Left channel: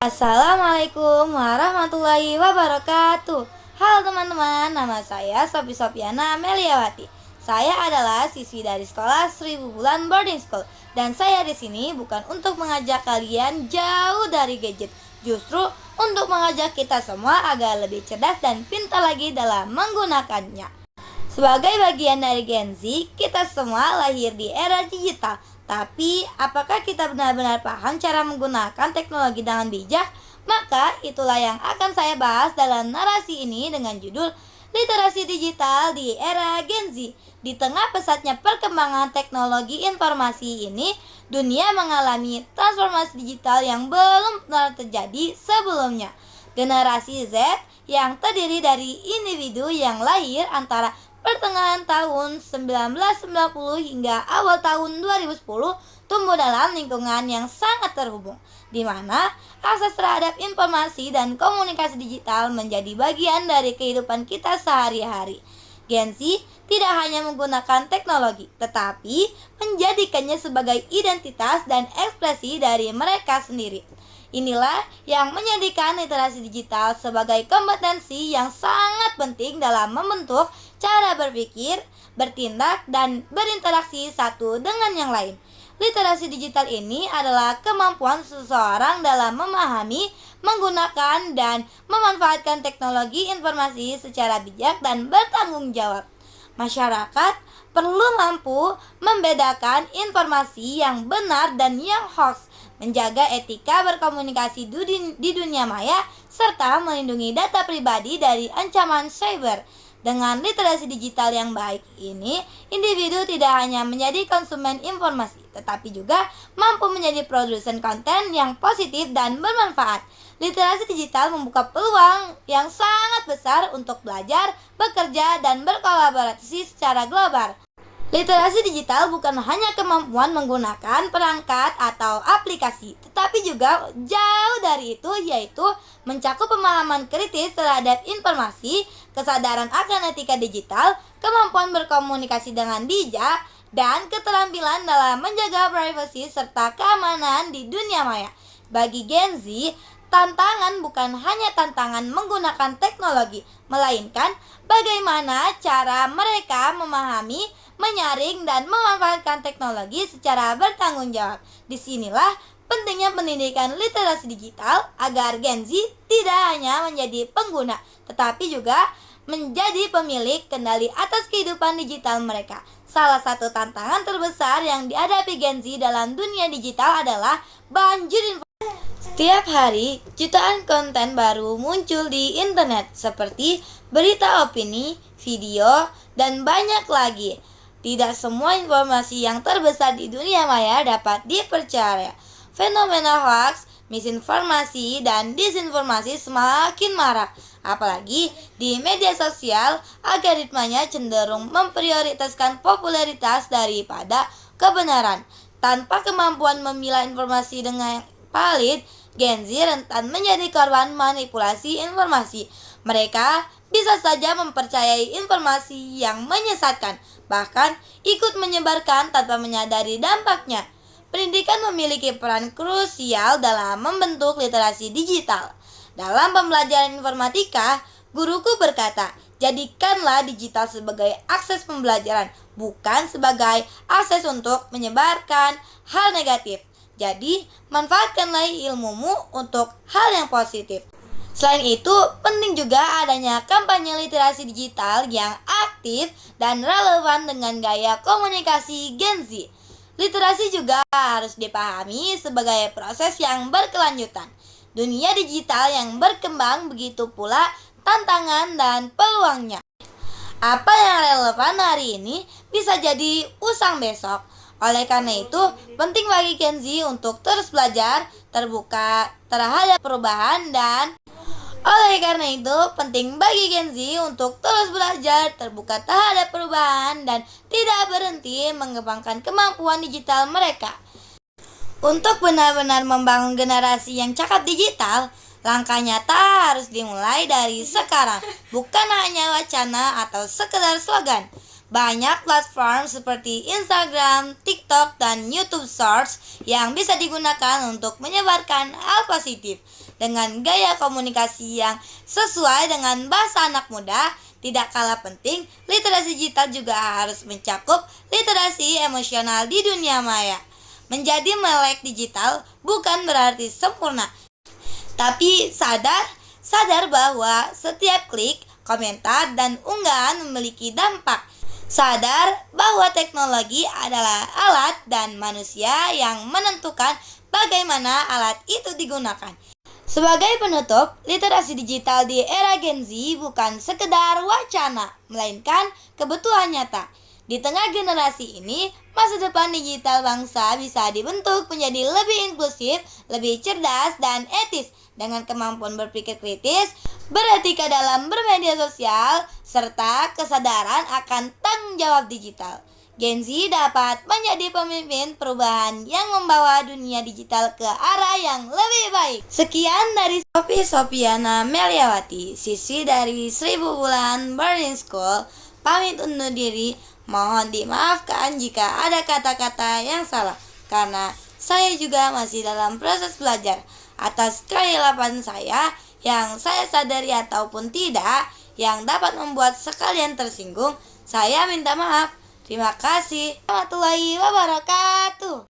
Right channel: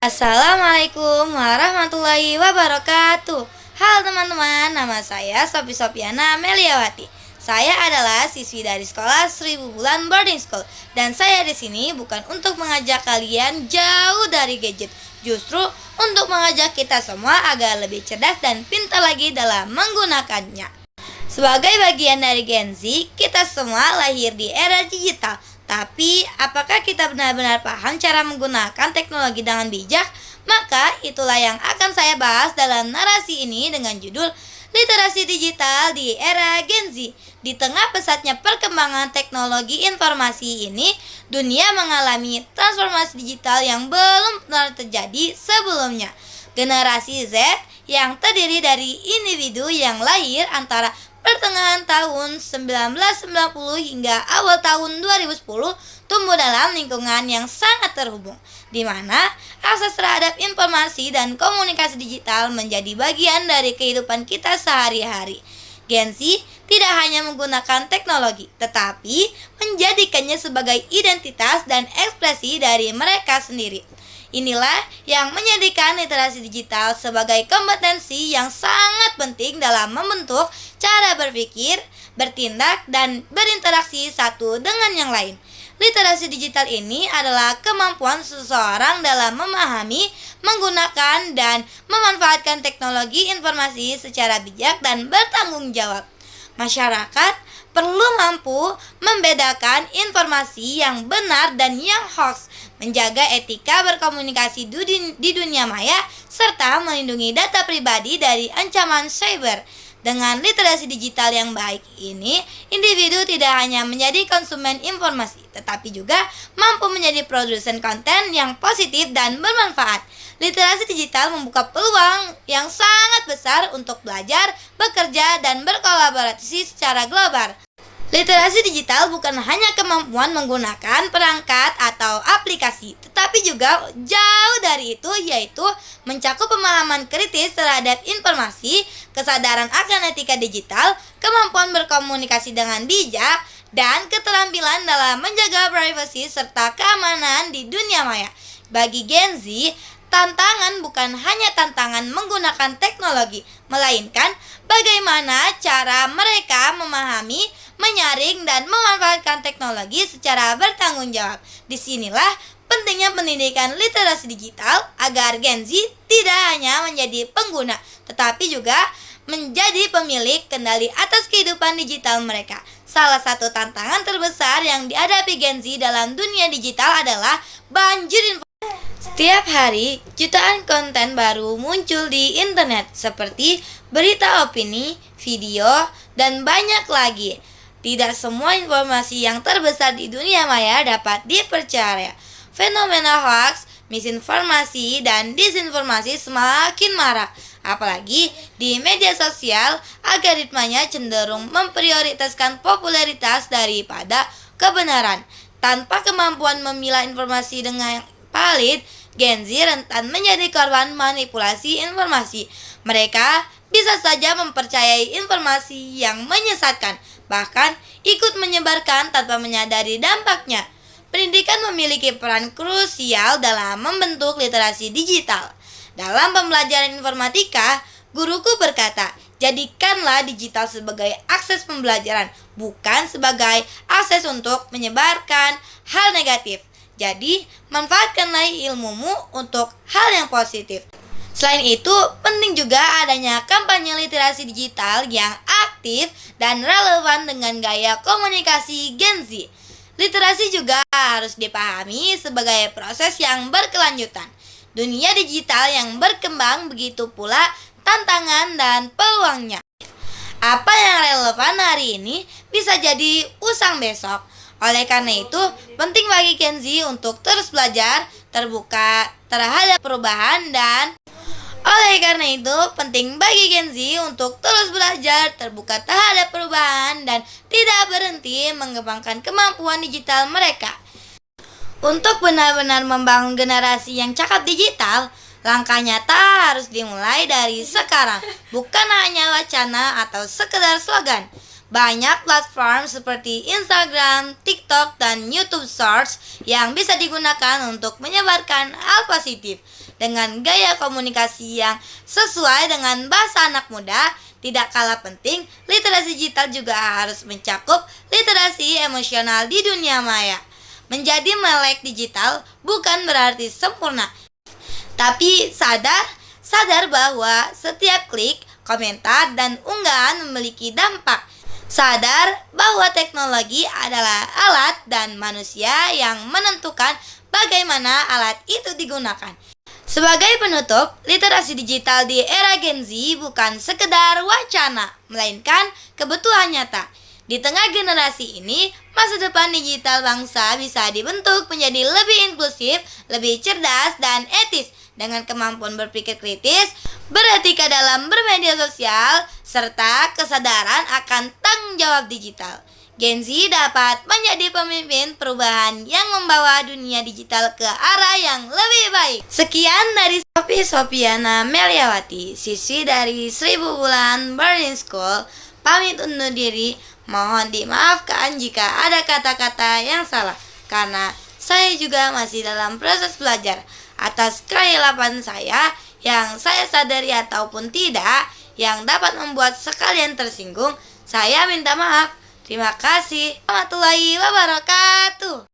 Assalamualaikum warahmatullahi wabarakatuh. Halo teman-teman, nama saya Sofi Sofiana Meliawati. Saya adalah siswi dari sekolah 1000 Bulan Boarding School dan saya di sini bukan untuk mengajak kalian jauh dari gadget, justru untuk mengajak kita semua agar lebih cerdas dan pintar lagi dalam menggunakannya. Sebagai bagian dari Gen Z, kita semua lahir di era digital. Tapi, apakah kita benar-benar paham cara menggunakan teknologi dengan bijak? Maka, itulah yang akan saya bahas dalam narasi ini dengan judul Literasi Digital di Era Gen Z. Di tengah pesatnya perkembangan teknologi informasi ini, dunia mengalami transformasi digital yang belum pernah terjadi sebelumnya. Generasi Z yang terdiri dari individu yang lahir antara pertengahan tahun 1990 hingga awal tahun 2010 tumbuh dalam lingkungan yang sangat terhubung, di mana akses terhadap informasi dan komunikasi digital menjadi bagian dari kehidupan kita sehari-hari. Gen Z tidak hanya menggunakan teknologi, tetapi menjadikannya sebagai identitas dan ekspresi dari mereka sendiri. Inilah yang menjadikan literasi digital sebagai kompetensi yang sangat penting dalam membentuk cara berpikir, bertindak, dan berinteraksi satu dengan yang lain. Literasi digital ini adalah kemampuan seseorang dalam memahami, menggunakan, dan memanfaatkan teknologi informasi secara bijak dan bertanggung jawab. Masyarakat perlu mampu membedakan informasi yang benar dan yang hoax, menjaga etika berkomunikasi di dunia maya, serta melindungi data pribadi dari ancaman cyber. Dengan literasi digital yang baik ini, individu tidak hanya menjadi konsumen informasi, tetapi juga mampu menjadi produsen konten yang positif dan bermanfaat. Literasi digital membuka peluang yang sangat besar untuk belajar, bekerja, dan berkolaborasi secara global. Literasi digital bukan hanya kemampuan menggunakan perangkat atau aplikasi, tetapi juga jauh dari itu, yaitu mencakup pemahaman kritis terhadap informasi, kesadaran akan etika digital, kemampuan berkomunikasi dengan bijak, dan keterampilan dalam menjaga privasi serta keamanan di dunia maya. Bagi Gen Z, tantangan bukan hanya tantangan menggunakan teknologi, melainkan bagaimana cara mereka memahami, menyaring, dan memanfaatkan teknologi secara bertanggung jawab. Disinilah pentingnya pendidikan literasi digital agar Gen Z tidak hanya menjadi pengguna, tetapi juga menjadi pemilik kendali atas kehidupan digital mereka. Salah satu tantangan terbesar yang dihadapi Gen Z dalam dunia digital adalah banjir informasi. Setiap hari, jutaan konten baru muncul di internet seperti berita opini, video, dan banyak lagi. Tidak semua informasi yang terbesar di dunia maya dapat dipercaya. Fenomena hoax, misinformasi, dan disinformasi semakin marak. Apalagi di media sosial, algoritmanya cenderung memprioritaskan popularitas daripada kebenaran. Tanpa kemampuan memilah informasi dengan valid, Gen Z rentan menjadi korban manipulasi informasi. Mereka bisa saja mempercayai informasi yang menyesatkan, bahkan ikut menyebarkan tanpa menyadari dampaknya. Pendidikan memiliki peran krusial dalam membentuk literasi digital. Dalam pembelajaran informatika, guruku berkata, jadikanlah digital sebagai akses pembelajaran, bukan sebagai akses untuk menyebarkan hal negatif. Jadi, manfaatkanlah ilmumu untuk hal yang positif. Selain itu, penting juga adanya kampanye literasi digital yang aktif dan relevan dengan gaya komunikasi Gen Z. Literasi juga harus dipahami sebagai proses yang berkelanjutan. Dunia digital yang berkembang, begitu pula tantangan dan peluangnya. Apa yang relevan hari ini bisa jadi usang besok. Oleh karena itu, penting bagi Gen Z untuk terus belajar, terbuka terhadap perubahan, dan oleh karena itu, penting bagi Gen Z untuk terus belajar, terbuka terhadap perubahan, dan tidak berhenti mengembangkan kemampuan digital mereka. Untuk benar-benar membangun generasi yang cakap digital, langkah nyata harus dimulai dari sekarang, bukan hanya wacana atau sekedar slogan. Banyak platform seperti Instagram, TikTok, dan YouTube Shorts yang bisa digunakan untuk menyebarkan hal positif. Dengan gaya komunikasi yang sesuai dengan bahasa anak muda, tidak kalah penting, literasi digital juga harus mencakup literasi emosional di dunia maya. Menjadi melek digital bukan berarti sempurna, tapi sadar bahwa setiap klik, komentar, dan unggahan memiliki dampak. Sadar bahwa teknologi adalah alat dan manusia yang menentukan bagaimana alat itu digunakan. Sebagai penutup, literasi digital di era Gen Z bukan sekedar wacana, melainkan kebutuhan nyata. Di tengah generasi ini, masa depan digital bangsa bisa dibentuk menjadi lebih inklusif, lebih cerdas, dan etis dengan kemampuan berpikir kritis, beretika dalam bermedia sosial, serta kesadaran akan tanggung jawab digital. Gen Z dapat menjadi pemimpin perubahan yang membawa dunia digital ke arah yang lebih baik. Sekian dari Sofiana Meliawati, siswi dari 1000 Bulan Boarding School, pamit undur diri. Mohon dimaafkan jika ada kata-kata yang salah, karena saya juga masih dalam proses belajar. Atas kehilafan saya yang saya sadari ataupun tidak, yang dapat membuat sekalian tersinggung, saya minta maaf. Terima kasih. Warahmatullahi wabarakatuh.